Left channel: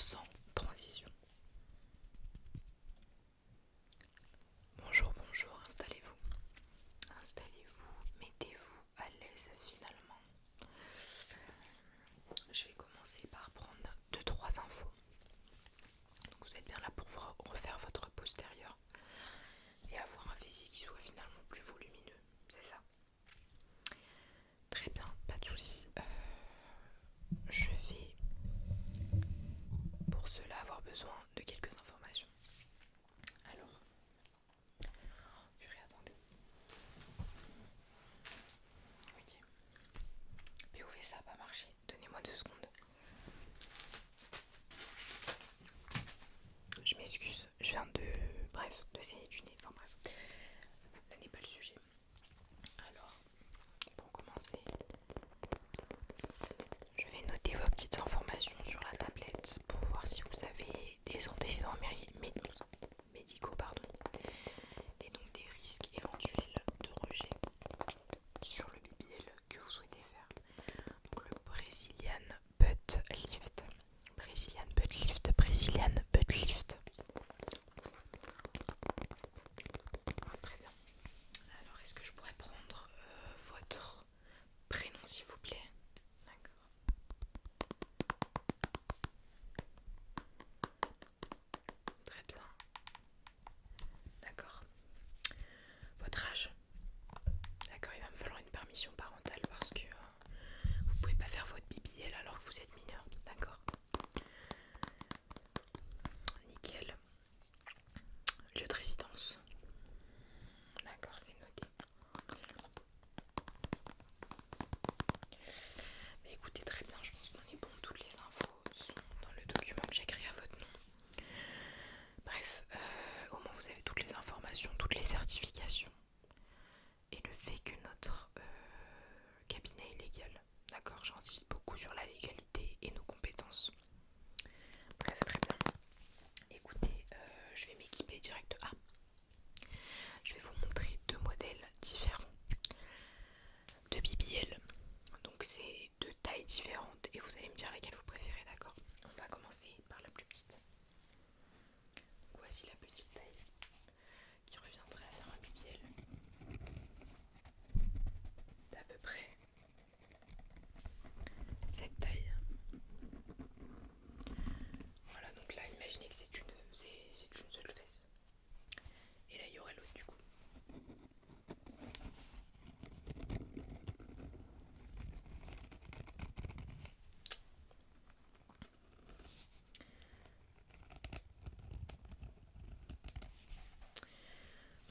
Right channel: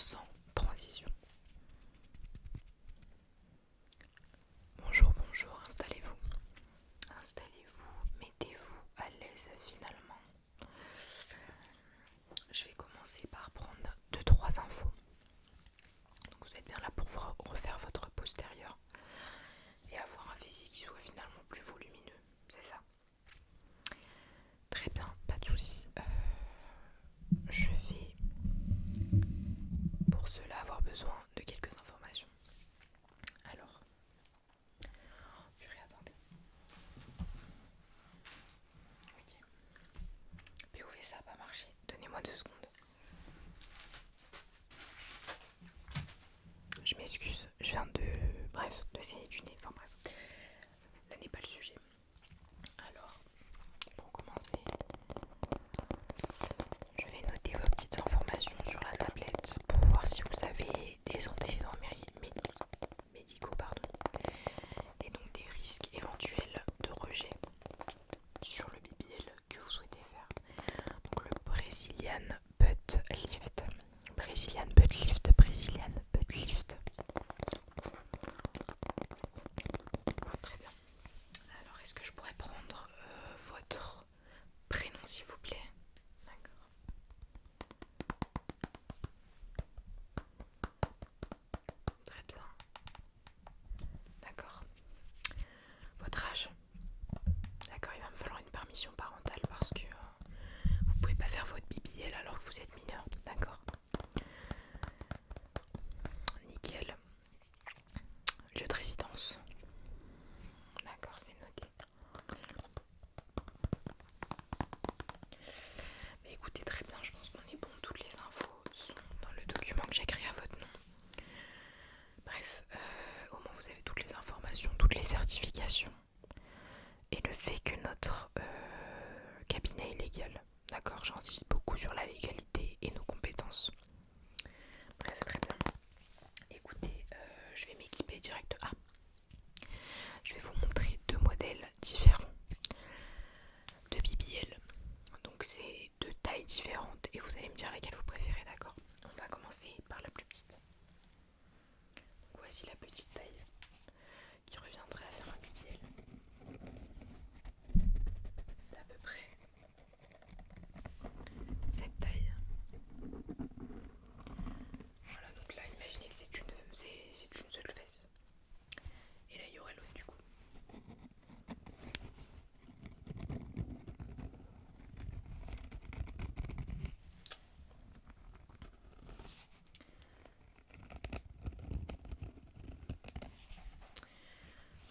sans transition. Bonjour, bonjour, installez-vous. Installez-vous, mettez-vous à l'aise finalement. Je vais commencer par prendre 2-3 infos. Donc vous êtes bien là pour refaire votre postérieur et avoir un fessier qui soit finalement plus volumineux, c'est ça? Très bien, pas de souci. Je vais pour cela avoir besoin de quelques informations. Alors, purée, attendez. Ok. POV, ça n'a pas marché. Donnez-moi 2 secondes. Je m'excuse, je viens de saigner du nez. Enfin bref, là n'est pas le sujet. Alors, pour commencer, je vais noter vos petites informations sur la tablette pour voir si vous avez des antécédents médicaux, et donc des risques éventuels de rejet sur le BBL que vous souhaitez faire. Donc le Brazilian Butt Lift. Brazilian Butt Lift, Brazilian Butt Lift. Très bien. Alors est-ce que je pourrais prendre votre prénom s'il vous plaît? D'accord. Très bien. D'accord. Votre âge? D'accord, il va me falloir une permission parentale parce que vous pouvez pas faire votre BBL alors que vous êtes mineur. D'accord. Nickel. Lieu de résidence? D'accord, c'est noté. Mais écoutez, très bien, je pense qu'on est bon. Toutes les infos sont dans le document que j'ai créé à votre nom. Bref, au moins vous avez toutes les informations, toutes les certifications et le fait que notre cabinet est légal. D'accord, j'insiste beaucoup sur la légalité et nos compétences. Bref, très bien. Écoutez, je vais m'équiper direct. Je vais vous montrer 2 modèles différents de BBL. Donc c'est 2 tailles différentes et vous allez me dire laquelle vous préférez, d'accord? On va commencer par la plus petite. Donc voici la petite taille qui reviendrait à faire un BBL d'à peu près cette taille. Voilà, donc là imaginez que c'est une seule fesse. Et là il y aurait l'autre du coup.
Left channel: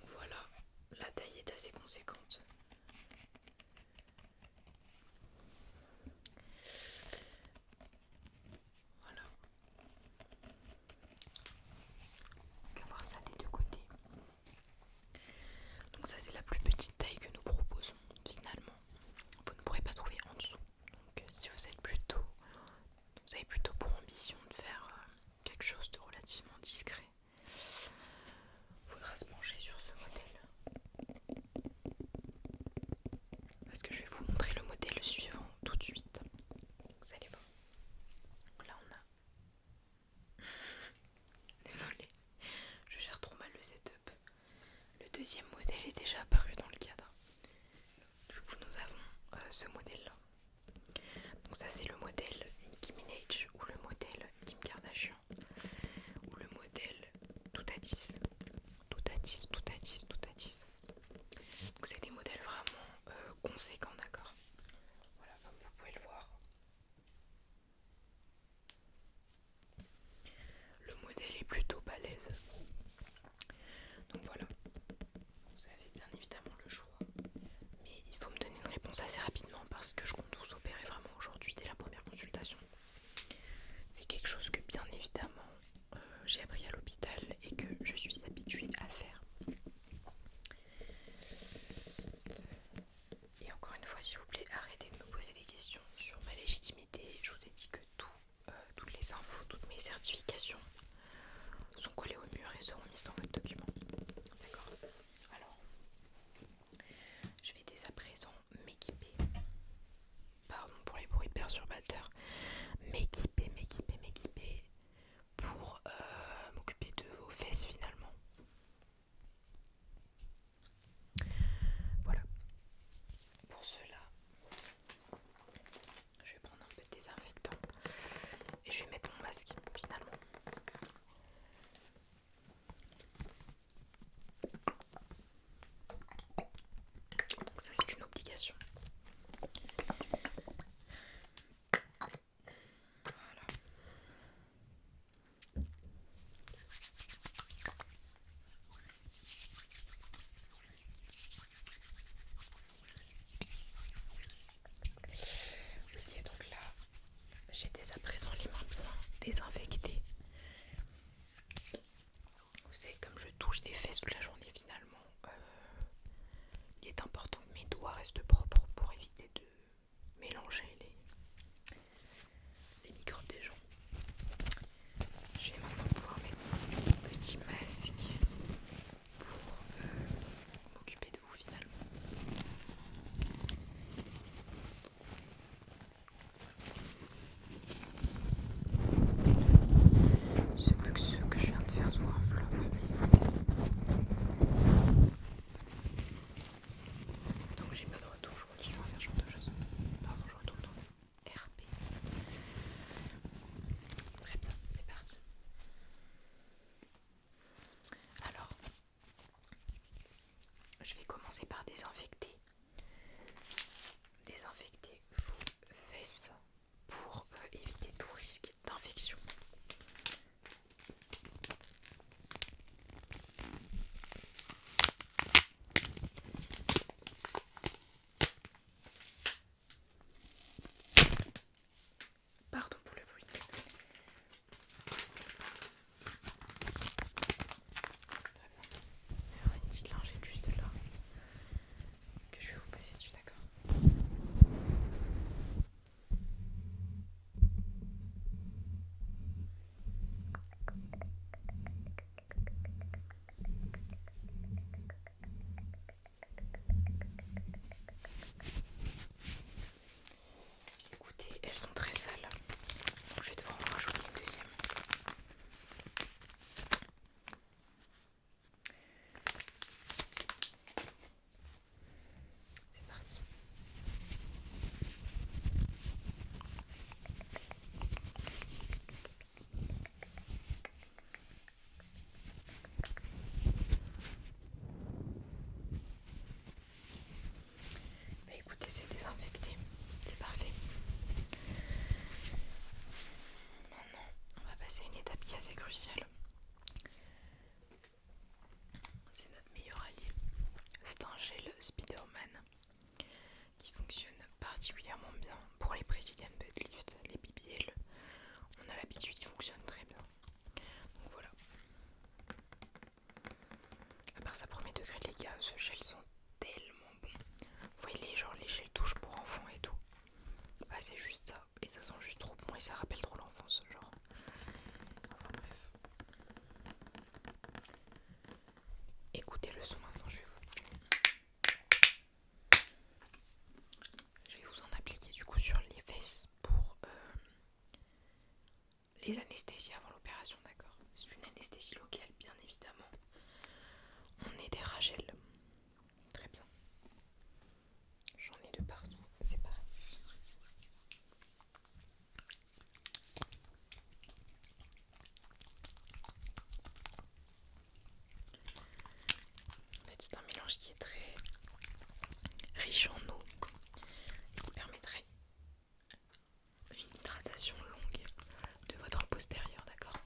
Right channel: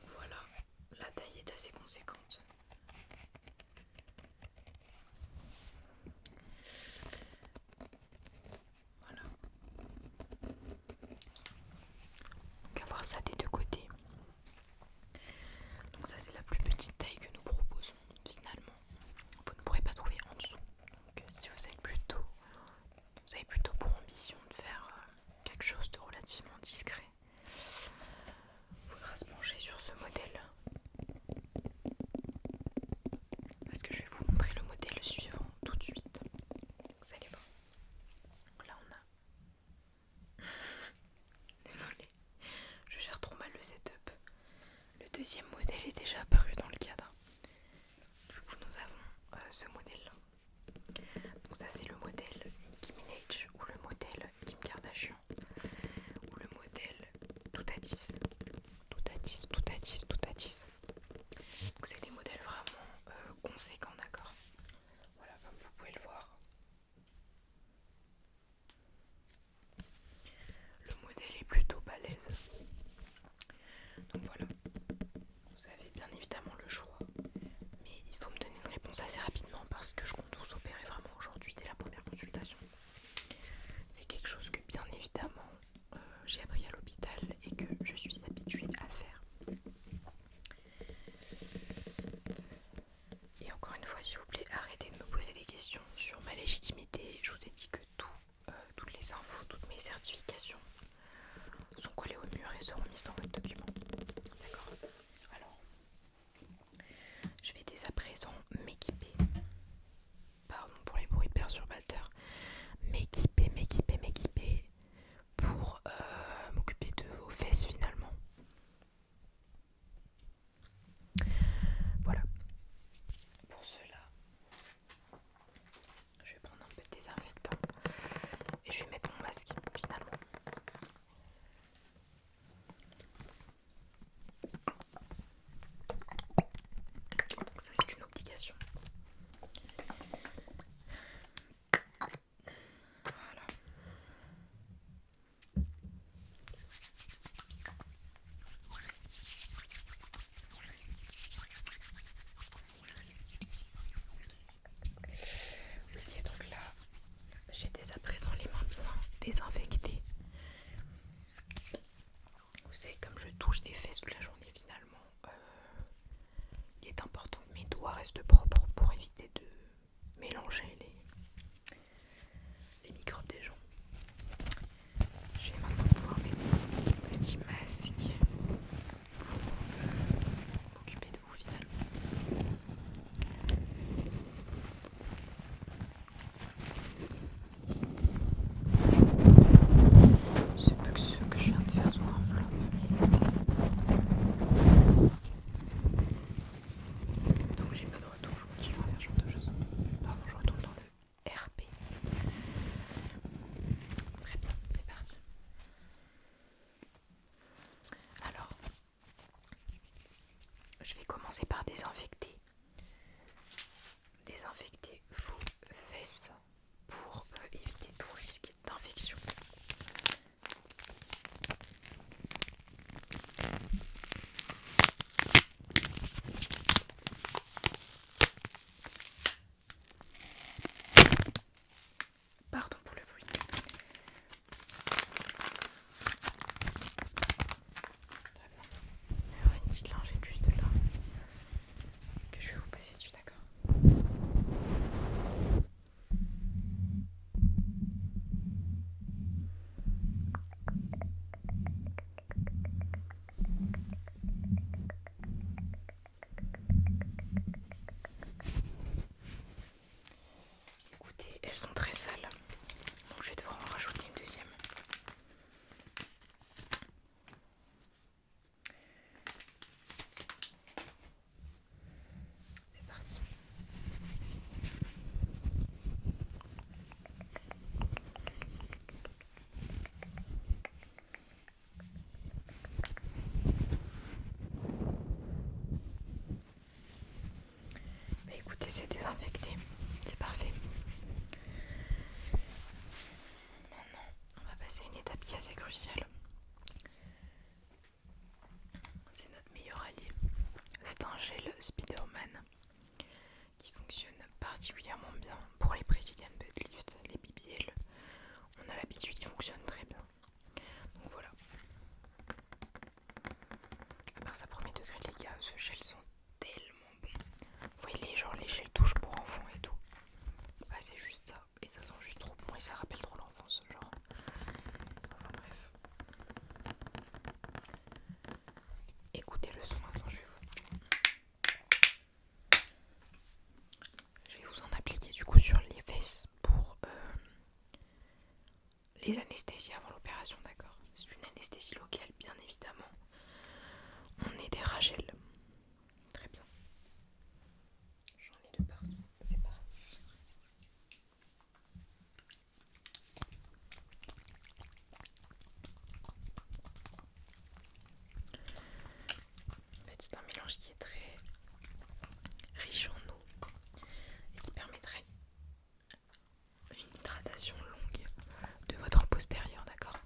Donc voilà, la taille est assez conséquente. Voilà. On va voir ça des 2 côtés. Donc ça c'est la plus petite taille que nous proposons finalement. Vous ne pourrez pas trouver en dessous. Donc si vous avez plutôt pour ambition de faire quelque chose de relativement discret, il faudra se pencher sur ce modèle. Parce que je vais vous montrer le modèle suivant tout de suite. Vous allez voir. Donc là on a... Désolée, je gère trop mal le setup. Le deuxième modèle est déjà apparu dans le cadre. Du coup nous avons ce modèle là. Donc ça c'est le modèle Nicki Minaj ou le modèle Kim Kardashian ou le modèle tout à 10. Tout à 10, tout à 10, tout à 10. Donc c'est des modèles vraiment conséquents, d'accord? Voilà, comme vous pouvez le voir. Le modèle est plutôt balèze. Donc voilà, vous avez bien évidemment le choix. Mais il faut me donner une réponse assez rapidement parce que je compte vous opérer vraiment aujourd'hui dès la première consultation. C'est quelque chose que bien évidemment j'ai appris à l'hôpital et que je suis habituée à faire. Et encore une fois, s'il vous plaît, arrêtez de me poser des questions sur ma légitimité. Je vous ai dit que toutes les infos, toutes mes certifications sont collées au mur et seront mises dans votre document. D'accord? Alors, je vais dès à présent m'équiper. Pardon pour les bruits perturbateurs. M'équiper désinfecter. Vous savez, comme je touche des fesses toute la journée finalement, il est important que mes doigts restent propres pour éviter de mélanger les microbes des gens. Je vais maintenant pouvoir mettre mon petit masque pour m'occuper de vous finalement. C'est pas que ce que je viens de faire soit un flop, mais écoutez. Donc j'ai pas de retour, je continue à faire ce genre de choses. Pardon, je retourne dans le RP. Très bien, c'est parti. Alors, je vais commencer par désinfecter vos fesses pour éviter tout risque d'infection. Pardon pour le bruit. Très bien. Il y aura une petite lingette juste là que je vais vous passer dessus, d'accord? Écoutez, elles sont très sales, donc je vais devoir en rajouter une deuxième. C'est parti. Bah écoutez, c'est désinfecté, c'est parfait. Maintenant, on va passer à une étape qui est assez cruciale. C'est notre meilleur allié. C'est un gel Spiderman qui fonctionne particulièrement bien pour les Brazilian butt lift, les BBL. On a l'habitude, il fonctionne très bien. Donc voilà. À part ça, premier degré les gars, ce gel sent tellement bon. Vous voyez les gels douche pour enfants et tout. Bah c'est juste ça, et ça sent juste trop bon et ça rappelle trop l'enfance genre. Enfin bref. Écoutez le son maintenant, je vais vous en appliquer du coup sur les fesses pour les anesthésies avant l'opération, d'accord? C'est une anesthésie locale bien évidemment. On est des ragels. Très bien. J'en ai de partout. C'est parti. En fait, c'est un mélange qui est très riche en eau et qui permettrait une hydratation longue de votre postérieur, d'accord?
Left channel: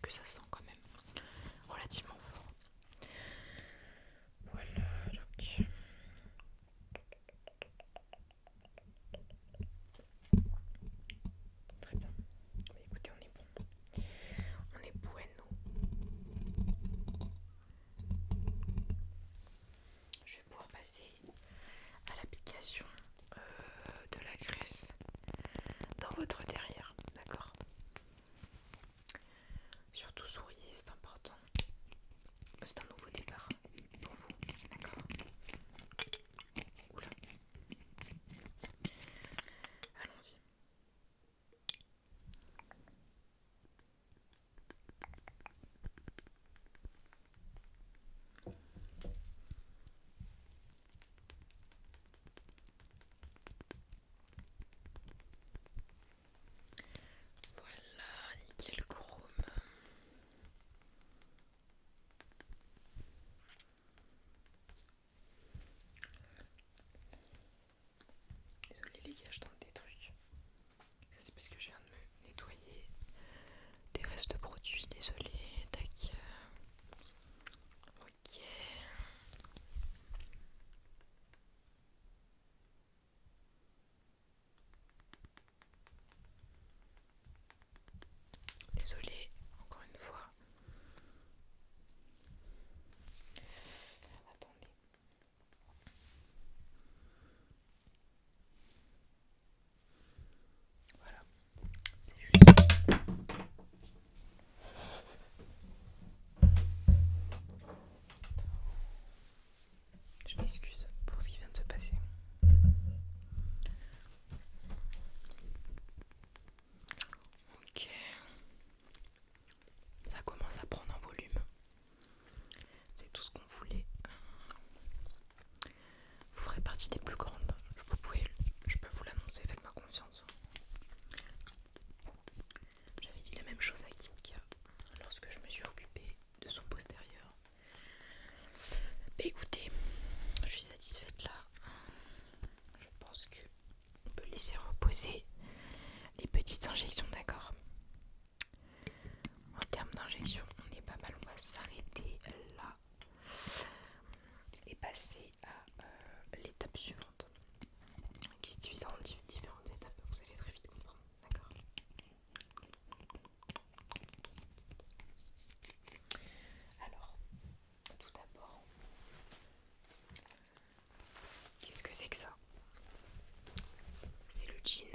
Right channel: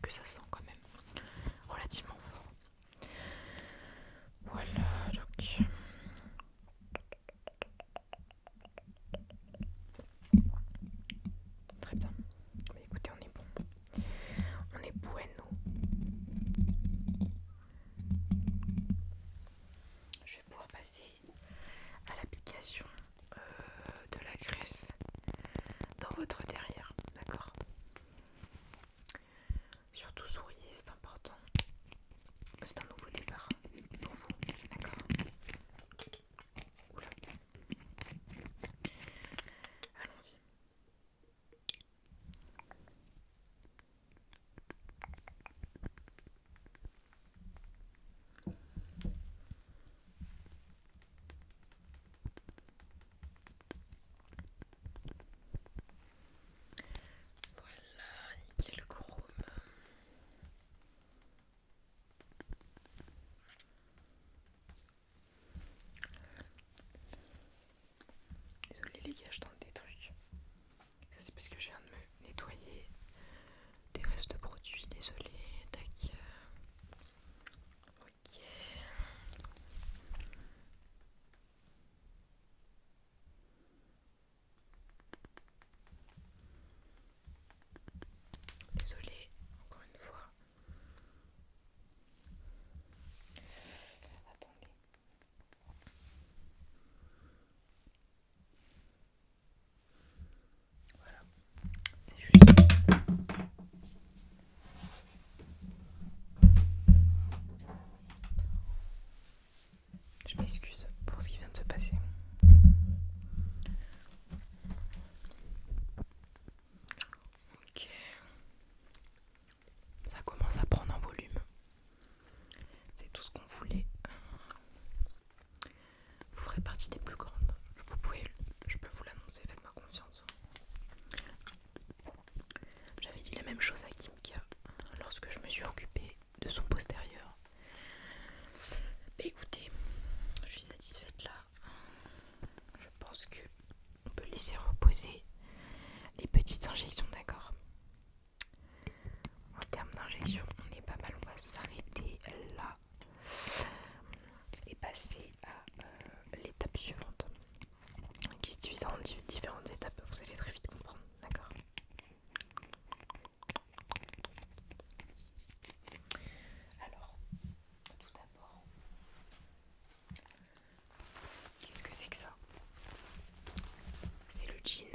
parce que ça sent quand même relativement fort. Voilà, donc très bien. Bah, écoutez, on est bon. On est bueno. Je vais pouvoir passer à l'application de la graisse dans votre derrière, d'accord? Surtout souriez, c'est important. C'est un nouveau départ pour vous, d'accord? Oula. Allons-y. Voilà, nickel chrome. Désolée les gars, je tente des trucs. Ça c'est parce que je viens de me nettoyer des restes de produits, désolé. Tac. Ok. Désolé, encore une fois. Attendez. Voilà, c'est juste. Je m'excuse pour ce qui vient de se passer. Ok. Ça commence à prendre en volume. C'est tout ce qu'on voulait. Vous ferez partie des plus grandes. Je peux vous l'annoncer, faites-moi confiance. J'avais dit la même chose à Kimka lorsque je me suis occupée de son postérieur. Mais écoutez, je suis satisfaite là. Je pense que on peut laisser reposer les petites injections, d'accord? En termes d'injection, on est pas mal. On va s'arrêter là et passer à l'étape suivante, qui se divise en différentes étapes. Vous allez très vite comprendre, d'accord? Alors, tout d'abord, qu'est-ce que c'est que ça? C'est le jean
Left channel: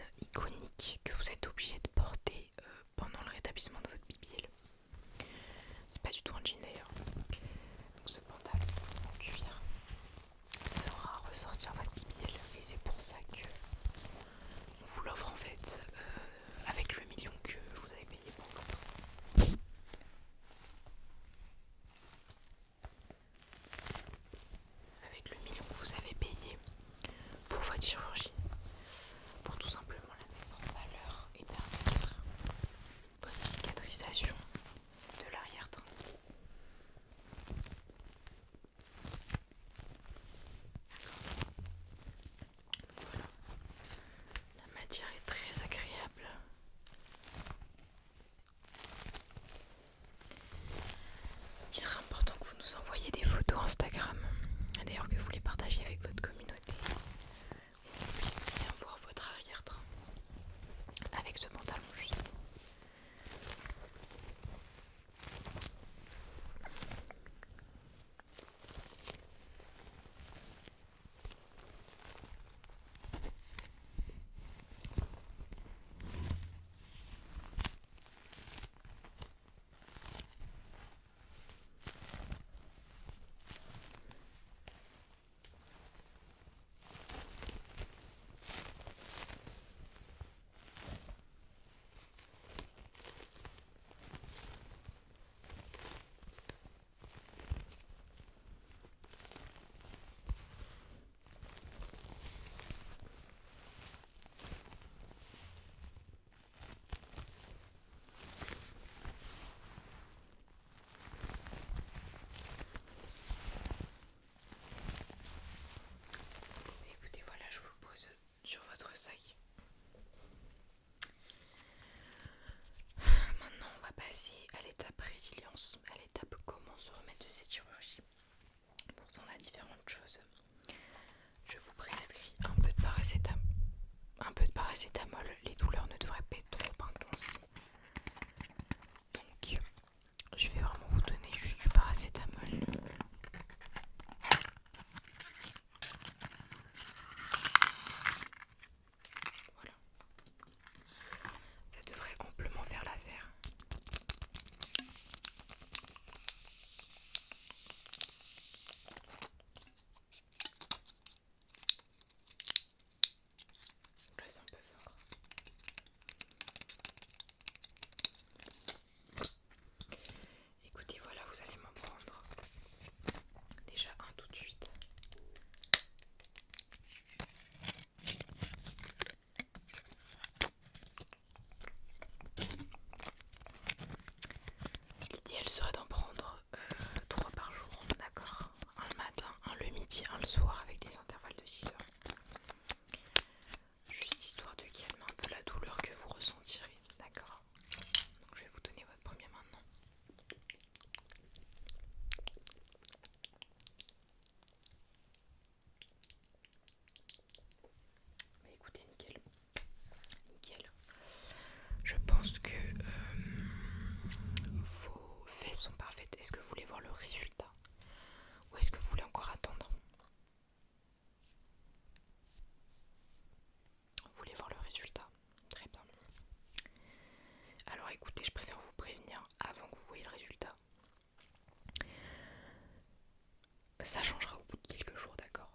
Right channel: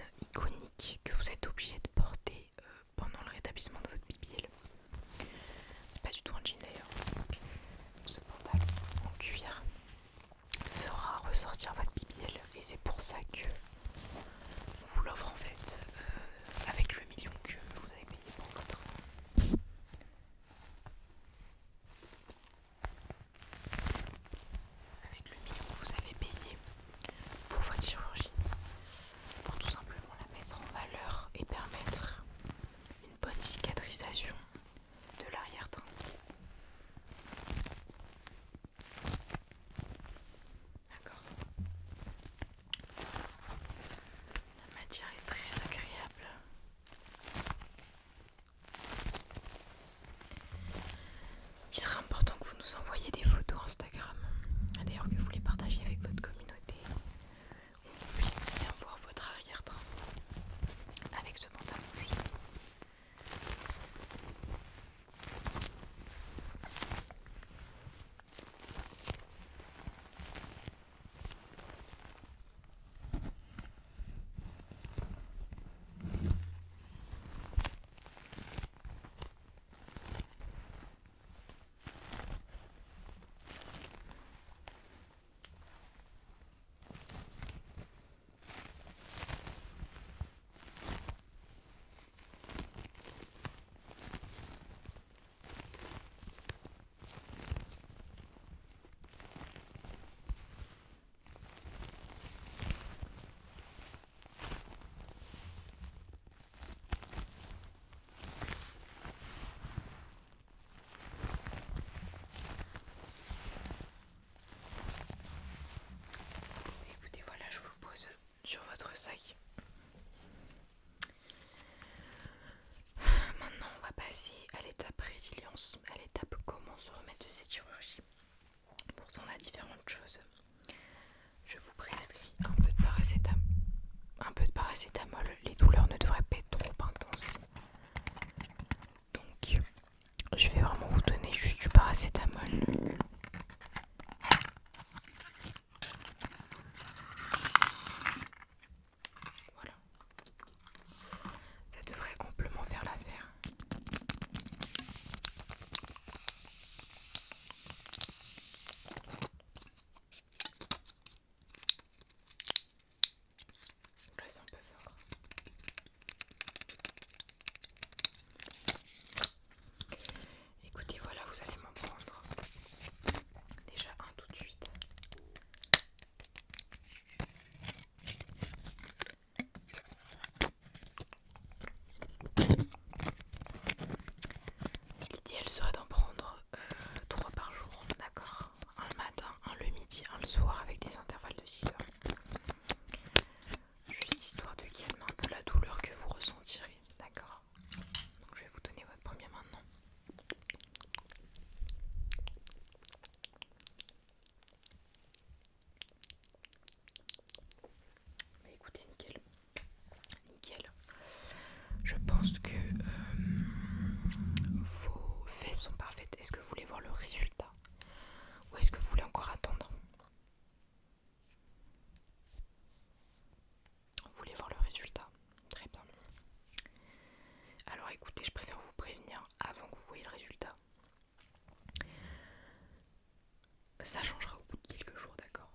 ça changera au bout de quelques jours, d'accord?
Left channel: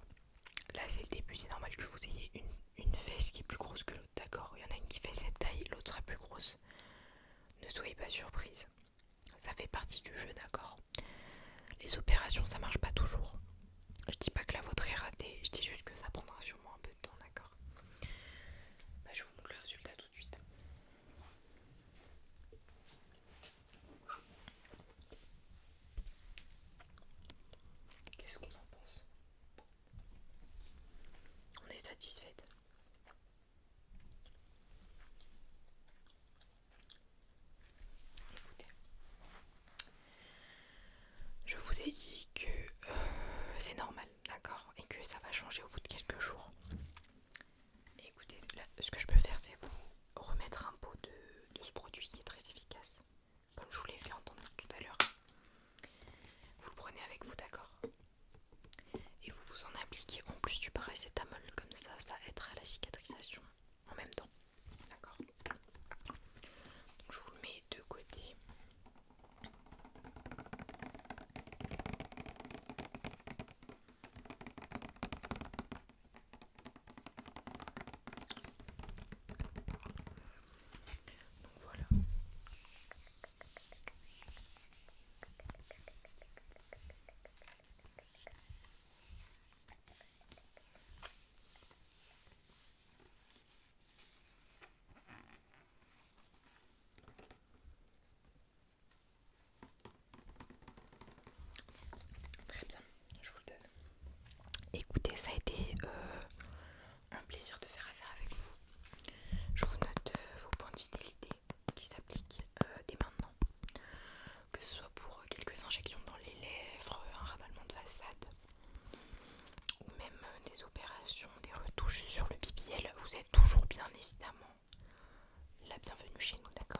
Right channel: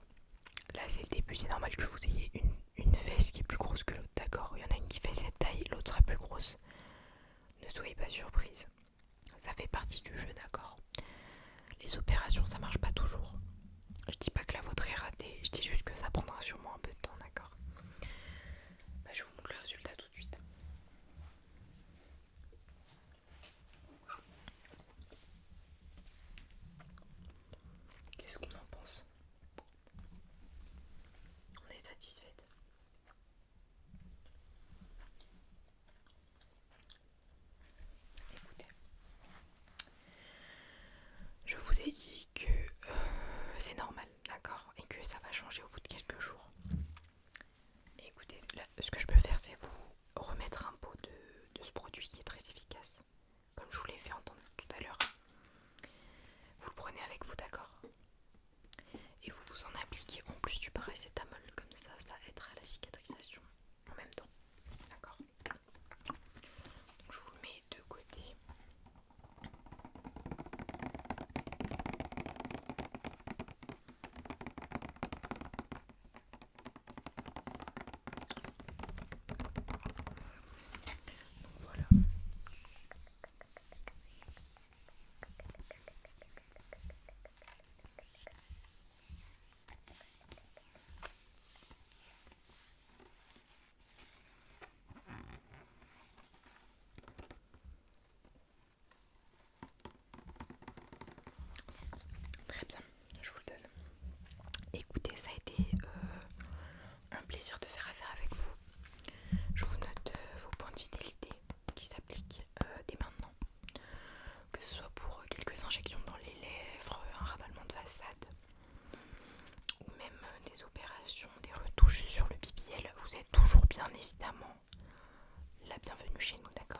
Là c'est le début, c'est normal que vous ayez une fesse qui est plus grosse que l'autre, d'accord? Il y en a une qui fait cette taille, l'autre sera plus grosse. Ne soyez pas surprise, ça fait partie du jeu, d'accord? Les opérations ça marche pas toujours. Je dis pas que la vôtre est ratée, je dis juste que ça prendra sûrement un peu de temps, d'accord? Bah, je vous montre le résultat tout de suite. Qu'est-ce qu'on en pense? On est satisfaite. Écoutez, je vous ai dit que c'est normal, d'accord? Et que ça va changer au bout de quelques jours. Et écoutez, là, ce que je peux faire, c'est vous remettre un pot de ce produit qui est très efficace. Comme je vous l'ai fait entendre tout à l'heure. Vous le prenez avec vous, d'accord? Et vous vous en appliquez en plus du paracétamol. Comme ça aidera à la cicatrisation en même temps. D'accord? Donc je vous le mets de côté. Donc voilà. Très bien, je vous le donne. Écoutez, ça a été un plaisir de faire affaire avec vous. Je vous note vos points de fidélité qui s'appliquent dès maintenant. Que ce soit pour quelques injections dans les lèvres, un ravalement de façade, ou même des opérations, des retouches sur le BBL. Vous êtes toujours bien évidemment la bienvenue chez nous, d'accord?